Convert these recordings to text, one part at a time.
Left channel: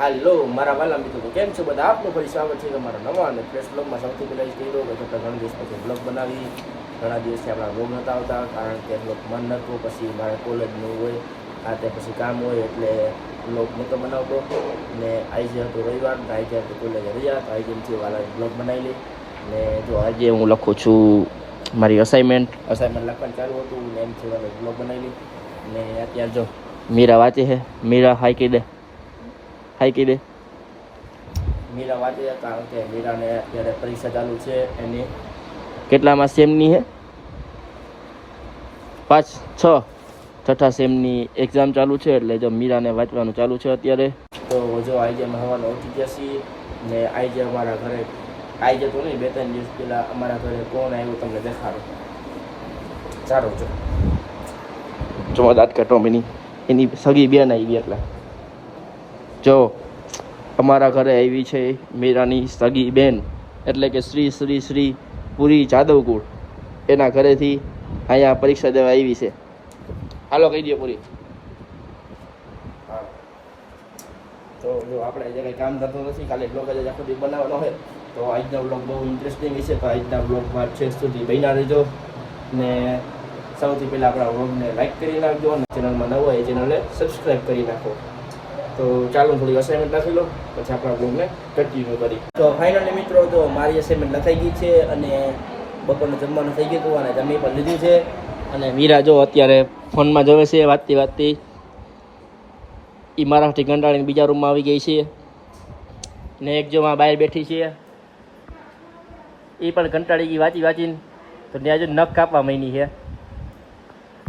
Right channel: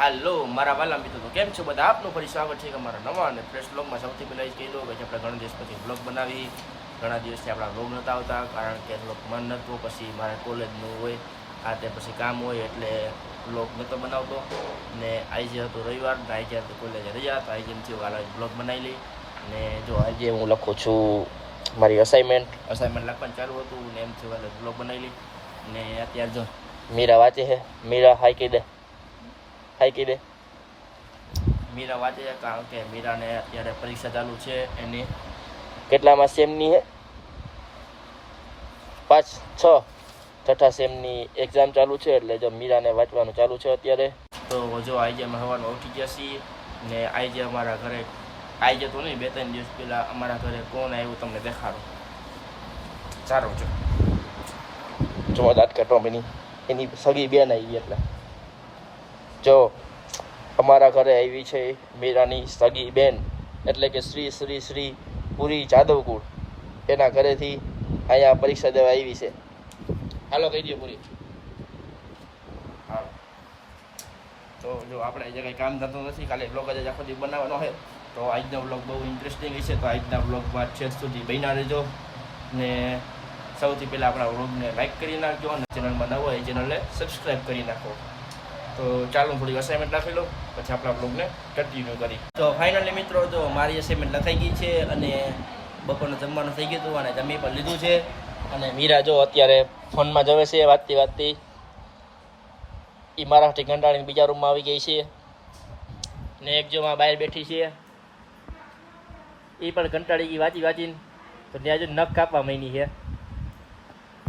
હાલો મારા વાલા મિત્રો, કેમ છો બધા? આપનું ફરી સ્વાગત છે અમારા નવા અને ફ્રેશ બ્લોગમાં. સૌથી પહેલાં એ કહી દો કે આપણે ઘણા દિવસ પછી બ્લોગ બનાવી. ઘણા દિવસથી આપણા બ્લોગ નહોતા આવતા, કારણ કે બ્લોગ મન નહોતું, પછી મારે કોલેજનું હોય, આ તે પછી કામ હોય, એટલે બ્લોગ નહોતો બનાવતો. ને આજે હતો રવિવાર, આજે હતો કોલેજે રજા, તો આજે થયું હાલ બ્લોગ બનાવી લઈ. ને જો આજે હું લખું છું મારી અસાઇનમેન્ટ લખવાનું ચાલુ હતું, ને એમ થયું હાલ બ્લોગ બનાવી લઈ. ને અત્યારે જો મીરા વાંચે છે. મીરા હાઈ કહી દે, હાઈ કહી દે. મીરા વાંચે છે કારણ કે મીરાને અત્યારે પરીક્ષા ચાલુ છે. એની કેટલામાં સેમની છે? 6 સેમની એક્ઝામ ચાલુ છે, એટલે જો મીરાને વાંચવાનું ચાલુ છે અત્યારે. તો જો આજે અમે સવારનો ઉઠી ગયા છીએ, ને આજે અમારા ઘરે આજે તો નહીં, 2-3 દિવસ પહેલાં અમારા ઘરે કોણ આવ્યું તમને દેખાડો. સારું જો દાંત કાઢો એની સગી બેન આવી ગઈ. એટલે જો અમારા ઘરે આવી છે મીરાની સગી બેન, એટલે કે શ્રી શ્રી શ્રી પુરી જાદવકુળ. એના ઘરેથી અહીંયા પરીક્ષા દેવા આવી છે. હાલો કહી દે પૂરી. હા, તો જો આપણે જે કંઈ કામ થતું નથી, કાલે બ્લોગ જ આખો દિવસ બનાવવાનો હોય, તો આજનો બ્લોગ બહુ ઇન્ટરેસ્ટિંગ હશે. તો આજના બ્લોગમાં છેક સુધી બન્યા રહેજો. ને સૌથી પહેલાં આપણા બ્લોગને લાઈક કરી નાખજો, અને ચેનલમાં નવો હોય એ ચેનલને સબસ્ક્રાઈબ કરી નાખો. તો ચાલો થોડી અસાઇનમેન્ટ લખી લો, પછી આપણા બ્લોગને કન્ટિન્યુ કરી. તો ફાઇનલી મિત્રો, તો મારી અસાઇનમેન્ટ લખાઈ ગઈ છે, અને બપોરનું જમવાનું થઈ ગયું હતું, અને જમી પણ લીધું છે. અને મીરા જો અત્યારે ફોનમાં જોવે છે વાતતી. એ મારાથી કંટાળીને બીજા રૂમમાં આવી ગઈ છે. ને એક જો બહાર બેઠી છે, એ પણ કંટાળી ગઈ વાંચીને. તો ત્યાં જો નખ કાપવા માંડી છે.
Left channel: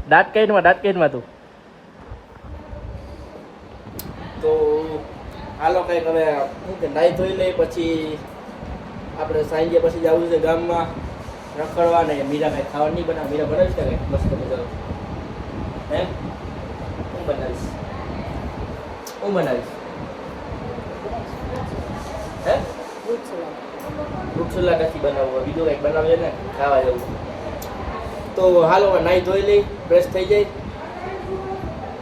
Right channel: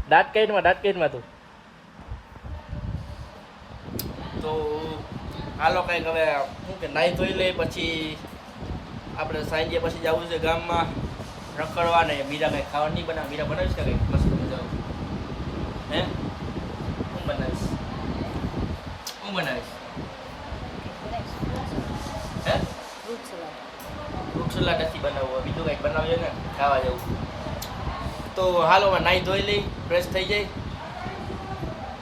દાંત કાઢમાં તું. તો હાલો કંઈક હવે શું કે નાહી ધોઈ લઈ, પછી આપણે સાંજે પછી જવું છે ગામમાં રખડવા. ને મીરા કંઈ ખાવા નહીં બનાવે. મીરા બનાવીશ કે કંઈક મસ્ત બધું? એમ હું બનાવીશ હે? ફ્રૂટ સલાડ નથી બનાવવું, બીજું કંઈક બનાવજે ને ખાવા જવું. તો હાલો નાહી ધોઈ લઈ, ફ્રેશ થઈ જાય.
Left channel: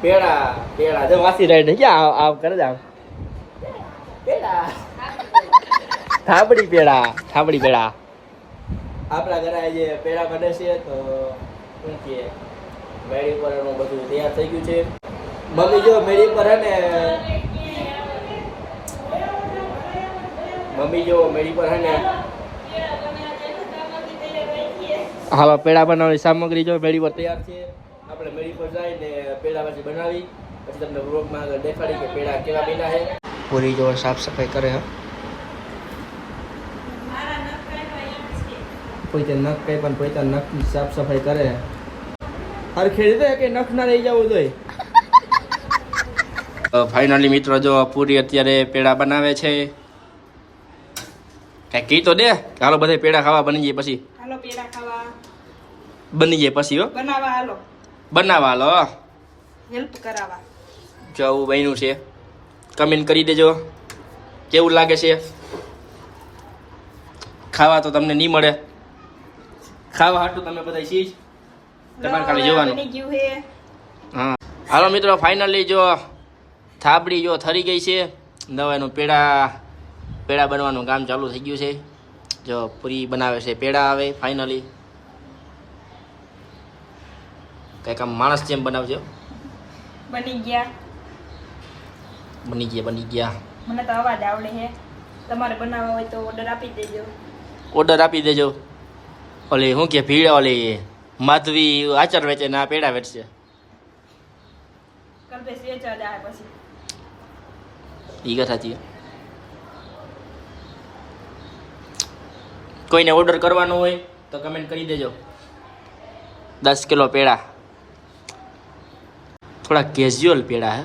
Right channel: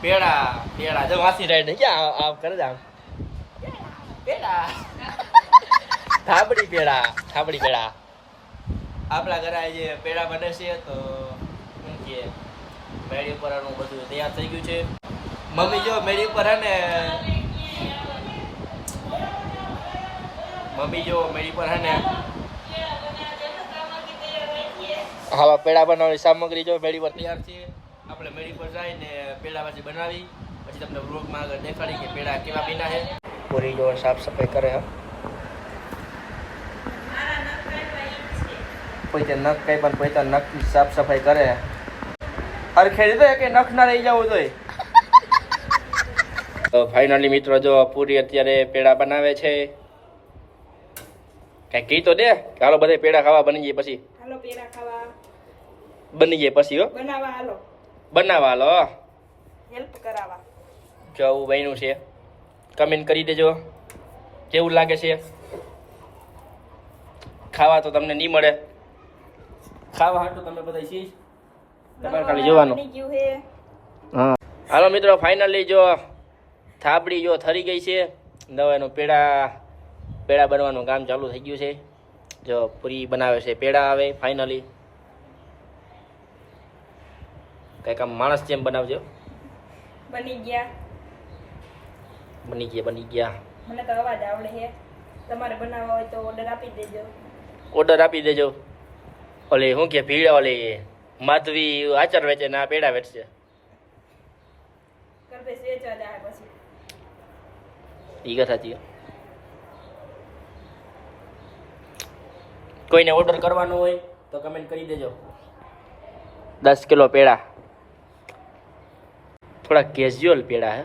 પેડા જો વાસી રાઈડ ક્યાં આવ કરે જ પેડા થાબડી પેડા આપણા ઘરે આજે પેડા બને છે. તો શું કે મેળી પરનું બધું તૈયાર થઈ ગયું છે. મમ્મી જો મેળી પર હે ને હા, પેડા બનાવવાની સામગ્રી જો મેળી પર તૈયાર છે. આપણે મેળી પર જાય ને પેડા પછી બનાવી, પછી તમને વ્લોગમાં આગળ દેખાડી કે પેડા કેવા બન્યા છે. પૂરી જો સાફ સફાઈ કરે, કોઈ તે નખ કઈ પણ કોઈ તો નખની સાફ સફાઈ કરે. હરખેડી તો કે નખ ના રહી જવું જોઈએ. ફાઇનલી મિત્રો, જો પૂરી અત્યારે પેડા બનાવે છે. કઈ કહી તો દે કે હાલો બધા પેડા ખાવા બની જાય પછી. હાલો પેડા ખાવા બની જાય પછી. હો બનાવવા હાલો હેલ્પ કરાવવા. જો આવું બન્યું છે, કમેન્ટ કરી દેજો કેવું લાગે છે. ખાવા તો તમને નહીં મળે, ખાવા હાટું તમે બધા શીશ, તમારે ખાલી જોવાનું. હા હાલો મિત્રો, ફાઇનલી જો થાબડી જો થરી ગઈ છે. દવાનું પેડા બનવાનું કામ ચાલુ થઈ ગયું છે. જો પૂરી બનાવે છે, પેડા આવે ફાઇનલી. કંઈક આમ માણસ જેમ બનાવજો. બની ગયા. મને તો અવાજ આવડે છે. તમારે બનાવવા હોય તો ઓર્ડર આપી દેજો. ઓલી શું કે ભીડ ઓલી માધવી આચાર વેચે ને આ પેડા વેચશે. ઈ વાત સાચી. કોઈને ઓર્ડર કરવાનો હોય તો કમેન્ટ કરી દેજો. 10 કિલો પેડા, થોડા કેઝ્યુઅલ પેડા હે,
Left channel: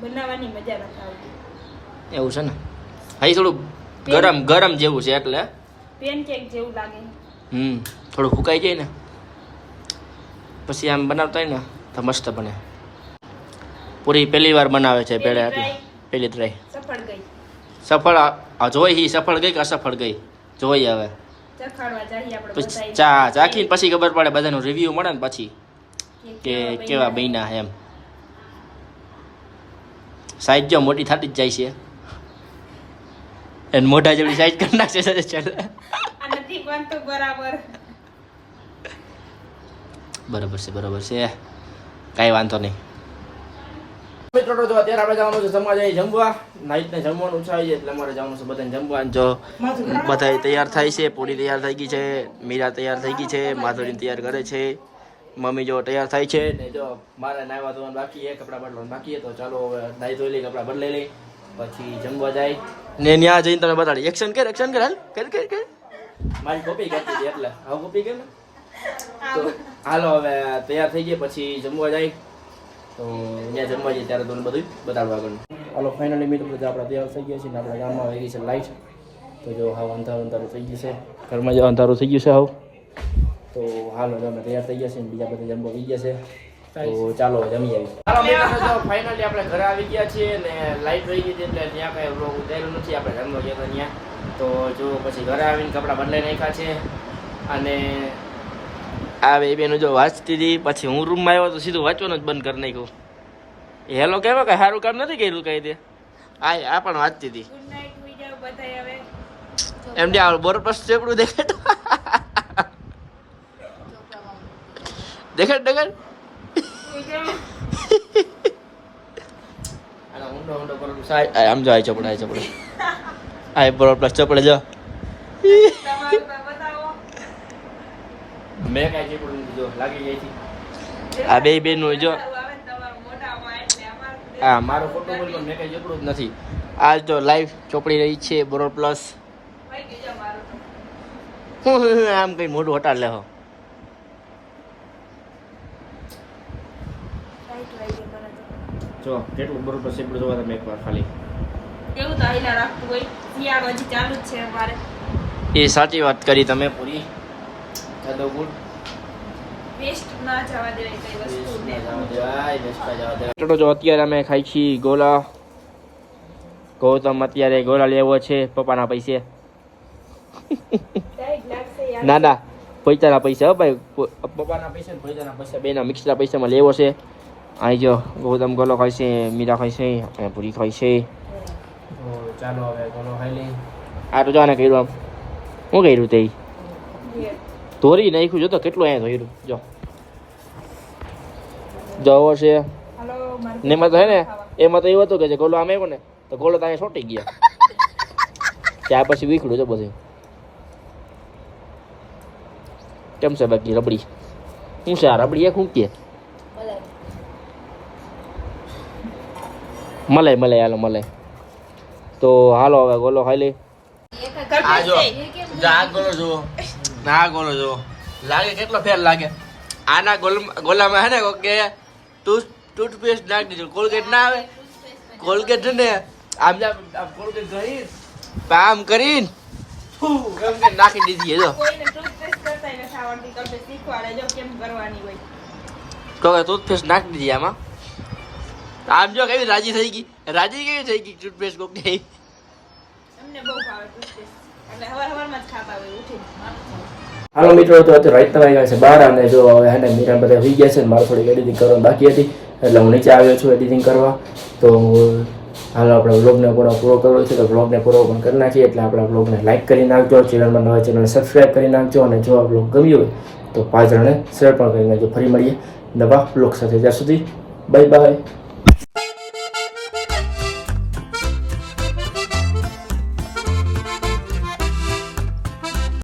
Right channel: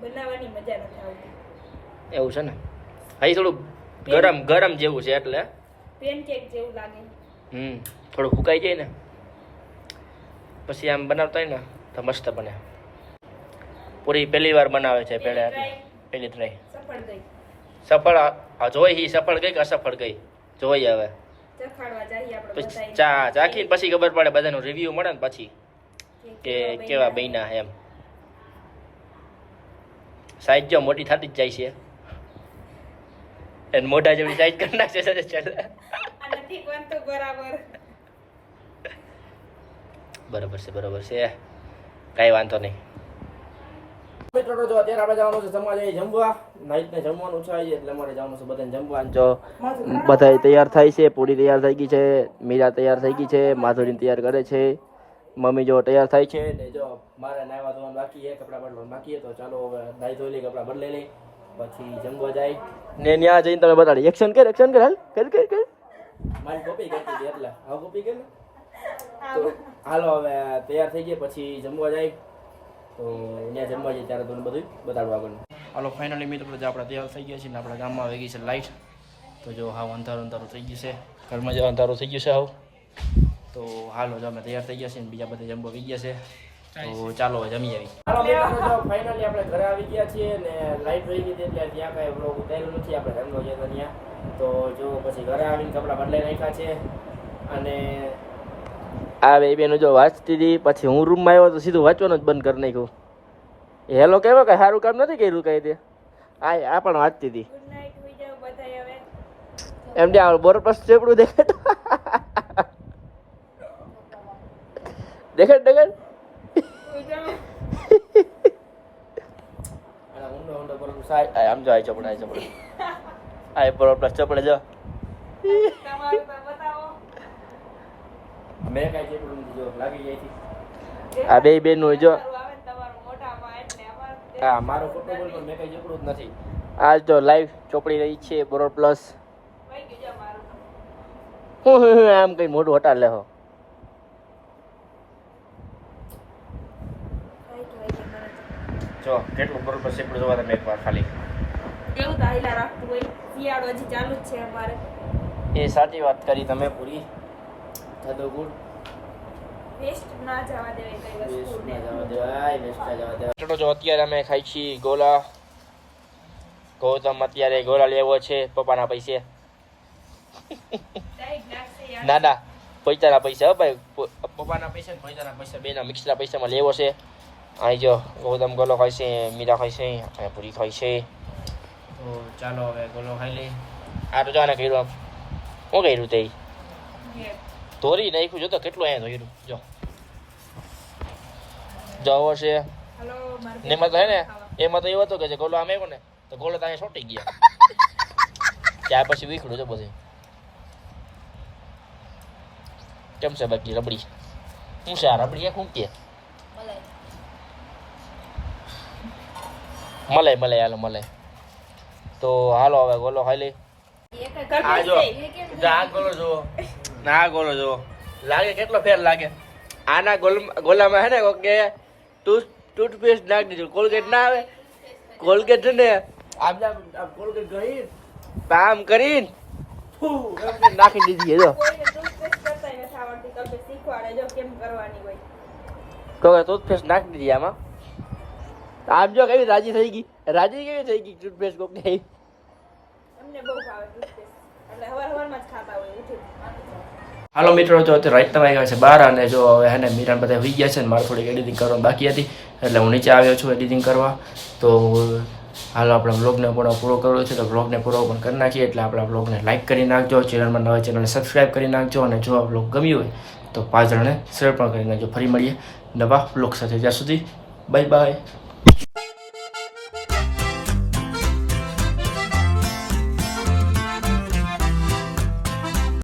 બનાવવાની મજા નથી આવતી. એવું છે ને? હા, થોડું ગરમ જેવું છે, એટલે પેનકેક જેવું લાગે. થોડું ફૂકાઈ જાય ને પછી આમ બનાવતા હોય ને તો મસ્ત બને. પૂરી પહેલી વાર બનાવે છે પેડા, એટલે પહેલી ટ્રાય સફળ જોઈ. સફળ ગઈ કે અસફળ ગઈ જોઈ. હવે ચાખીને પછી ખબર પડે, બધાનું રિવ્યુ મળે ને પછી કે કેવા બન્યા એમ. સાઈઝ જો મોટી થતી જ જાય છે. એને મોઢા જેવડી સાઈઝ કરી નાખશે સર ચાલ અને ઠીક બનતો બરાબર બરાબર છે કાંઈ વાંધો નહીં મિત્રો તો અત્યારે આપણે જવાનું છે જમવા જઈએ જમવા નાઈટને જમવાનું છે એટલે અમારે જવાનું છે બધાને જમવા જો બધા તૈયાર થાય છે પૂરી તૈયાર થઈ ગઈ છે મીરા તૈયાર થઈ ગઈ છે માધુરીને તૈયાર કરે છે મમ્મી જો તૈયાર થાય છે ને જો મારે નાહવા ધોવાનું બાકી છે કપડાં બદલવાનું બાકી છે તો ચાલો હવે નાહી ધોઈ લઈ કપડાં બદલાઈ લઈ પછી જમવા જાય ને ત્યાં જઈને તમે બતાડી એક્શન કર હાલ કર મારી કોપી કરતી હતી એટલે હવે કોપી કર ને તો હાલો હવે તૈયાર થઈ ગયા પછી જમવા જાય તો ત્યાં જમવા જઈએ ત્યારે તમને બધું બતાડવા આગળ હાલો ફાઇનલી મિત્રો આપણે તૈયાર થઈ ગયા છીએ ને આપણા ગામમાં આવી ગઈ છે લાઈટ તો જો હા અંધારું થઈ ગયું છે ઘરમાં જો અંધારું થઈ ગયું છે હવે તો હાલો જો અમે તૈયાર થઈ ગયા છીએ ને બીજા બધા જમવા આવી ગયા છે તો ચાલો જમી આવી હાલો મિત્રો તો ફાઇનલી આપણે ઘરે આવી ગયા છીએ ને લાઈટ રહી ગઈ છે એટલે ત્યાં કાંઈ બ્લોગ ઉતાર્યું નથી આપણે જમવા ગયા હતા ત્યાં તો જો પછી ઘરે આવીને કપડાં બદલાઈ નાખ્યા છે અને આ બે બેનો જો વાંચતી હતી પછી હું રૂમમાં આવ્યો તો સીધું વાંચવાનું જ બંધ કરી નાખ્યું હેલો કહેવાય કે સારું કામ નથી કર્યું કઈ દે આ પણ વાંચતી હતી ગુડ નાઈટ હોઈ જાવ બધાય હવે એમ જે બરોબર ચેપડું દેખાડ હોઈ જાવ ઊંડો બરોબર આમ જો આ ચપડા આ બરોબર ચપડે જો તમારું તો બતાવો મેં કાંઈ ચેપડું નથી જો લાગી જાય છે આ બે બેનનું જો આવે તમારા મોઢામાં એટલે અમાર હા મારો ફોટો બોલ પણ મેં કાંઈ ચેપડું જ નથી આ જો લાઈવ ચોપડી રહી છે બરોબર પ્લસ ભાઈ બીજા મારું હું આમ કઈ મોઢું હટાડ લેહો જો કેટલું બરોબર ચેપડું જોવા તમે એકવાર ખાલી એવું તો આઈલા રાખતું હોય શિયાળો હજી ચાલુ જ છે અમારે એ સાચી વાત કરી તમે પૂરી ચાલો ગુડ વેસ્ટ ના જવા દેવાય કઈ વસ્તુ જો અત્યારે અમે ખાઈ છીએ ગોલા ગૌતમ અત્યારે ગોલા લેવો છે પપ્પાના પૈસે ટાઈટ લાગશે યાર ના પૈસાના પૈસા હો ભાઈ પપ્પાના પૈસા ને પૈસાના પૈસા બેના મિક્સના પૈસામાં લેવો છે અહીં જો ગૌતમ ગોલો ખાય છે મીરા ખાય છે અને પૂરી ખાય છે તો ચાલો હવે ગોલો ખાઈ લઈ આ તો જાને કર્યું આમ શું કર્યું તે ધોરી નાખ્યું જો તો કેટલું અહીંયા ધોર્યું જો જવો છે ને એમાં તો હે ને એમાં તો એવું હતું કે જે ગોલો આમ આવ્યો ને તો ગોલો તો અહીંયા છોટી ગયા ત્યાર પછી વીખડું છે બધું કેમ છે બાકી રબડી શું છે આ રબડી એક શું કે મલાઈ હાલો મલાઈ તો હાલો હવે ગોલો ખાઈ લે આ જો આ ગોલો જુઓ લાગે કેટલો ફેર લાગે આના ગોલામાં હે ને કે ટૂથપેસ્ટ નાખી દીધું કોલગેટ ના આવે કોલગેટ છે ને આમ કોલગેટ ગઈ આમ કરીને નાખી દીધી જો કોઈને ટૂથપેસ્ટ કરતા નથી આવડતી તમે શીખવાડે જો કેમ કરવાની હોય તો ટૂથપેસ્ટ નાખી દીધી આમાં આમ જો કેવી રાજી થઈ ગઈ ટૂથપેસ્ટ કોક ને અમને બહુ ભાવે ટૂથપેસ્ટ એટલે હવારમાં જ ખાતા હોય ઉઠી હાલો મિત્રો તો અત્યારે રાતના વાગ્યા છે 12 અને જો હવે હે ને મીરા બધા હોઈ ગયા છે ને મારે થોડીક એડિટિંગ કરવાની બાકી હતી એટલે હું નીચે આવ્યો છું એડિટિંગ કરવા તો હાલો આપણે વ્લોગને પૂરો કરવો છે તો વ્લોગને પૂરો પણ કરી નાખીએ એટલે આપણા વ્લોગને લાઇક કરી નાખજો ચેનલમાં નવા ચેનલને સબસ્ક્રાઈબ કરી નાખજો અને જો આ વ્લોગ ગમ્યો હોય તો 5 જણને શેર પણ કરી નાખજો ફરી મળીએ નવા વ્લોગ સાથે ત્યાં સુધી બાય બાય